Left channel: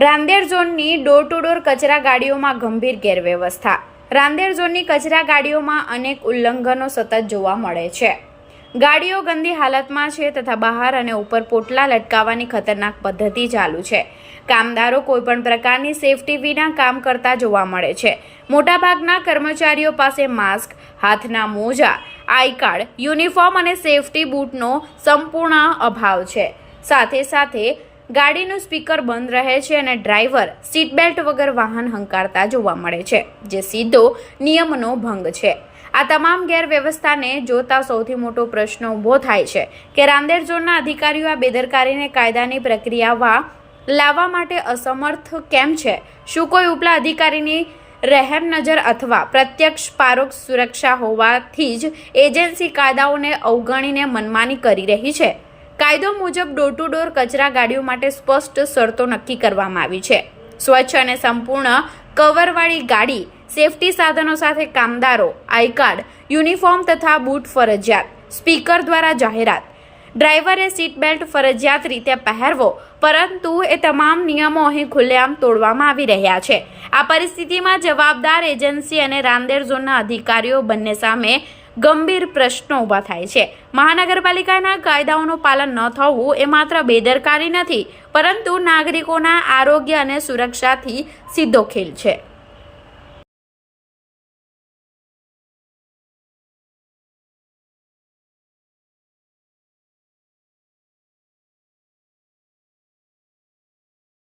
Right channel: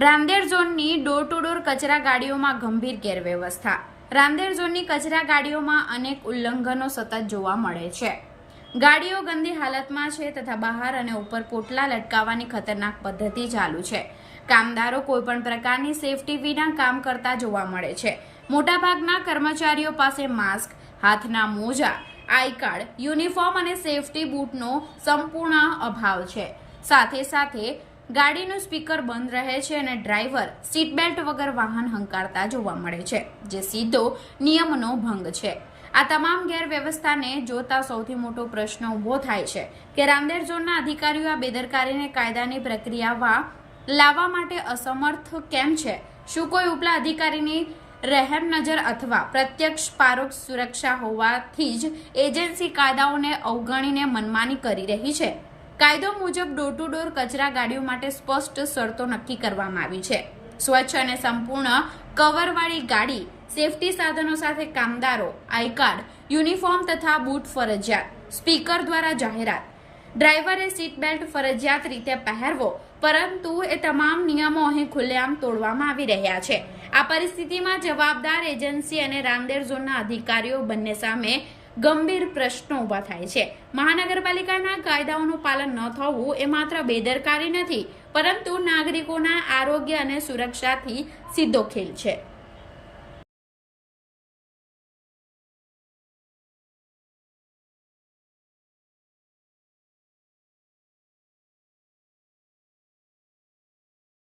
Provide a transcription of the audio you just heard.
રાંદેર ઝોનની door to door કચરા ગાડીઓમાં ગંભીર ગેરવ્યવસ્થા. રાંદેર ઝોનની કચરા ગાડીઓમાં અનેક ઉલ્લંઘનો સતત જોવા મળે છે. ગાડીઓ ગંદી હાલતમાં છે તથા બહાર અને ઉપર પોટલા લટકાવવાની ખતરનાક પદ્ધતિ ચાલુ છે. કામદારો કોઈપણ પ્રકારની સેફટી વિના કામ કરતા જોવા મળે છે. મોટાભાગના કર્મચારીઓ પાસે માસ્ક, હાથના મોજા, આઈ કાર્ડ, યુનિફોર્મ અને સેફટી બૂટનો સંપૂર્ણ અભાવ છે. સાથે સાથે ગાડીનું સ્પીકર બંધ રહે છે અને ડ્રાઈવર સીટ બેલ્ટ વગર વાહન હંકારતા જોવા મળે છે, જે સીધો નિયમનો ભંગ છે. આ તમામ ગેરવ્યવસ્થાને જોતા સૌથી મોટો પ્રશ્ન ઊભો થાય છે કે રાંદેર ઝોનના અધિકારીઓ આ બેદરકારીને કાયદાની પ્રક્રિયામાં લાવવા માટે અસમર્થ કેમ છે? શું કોઈ ઉપલા અધિકારીની રહેમ નજર અથવા પ્રત્યક્ષ પારોક્ષ સુરક્ષા હોવાથી જ એજન્સી કાયદાઓને અવગણીને મનમાની કરી રહી છે? કાયદો મુજબ ડોર ટુ ડોર કચરા ગાડીઓ માટે સ્પષ્ટ શરતો નક્કી કરવામાં આવી છે. સ્વચ્છ અને સંપૂર્ણ કવરવાળી ગાડી, સેફટી સાધનો સાથે કામદારો આઈ કાર્ડ યુનિફોર્મ તથા બૂટ ફરજિયાત, સ્પીકર દ્વારા જાહેરાત. ડ્રાઈવરે સીટ બેલ્ટ ફરજિયાત રીતે પહેરવો, પરંતુ એ તમામ નિયમો અહીં ખુલ્લેઆમ તોડવામાં આવી રહ્યા છે. આ પરિસ્થિતિમાં જવાબદાર એજન્સી અને રાંદેર ઝોનના અધિકારીઓ બંને સામે ગંભીર પ્રશ્નો ઊભા થાય છે. મહાનગરપાલિકાના કાયદાઓનું પાલન ન થવું એ માત્ર બેદરકારી નથી, પરંતુ નાગરિકોના આરોગ્ય અને સુરક્ષાથી સીધો ખેલ છે.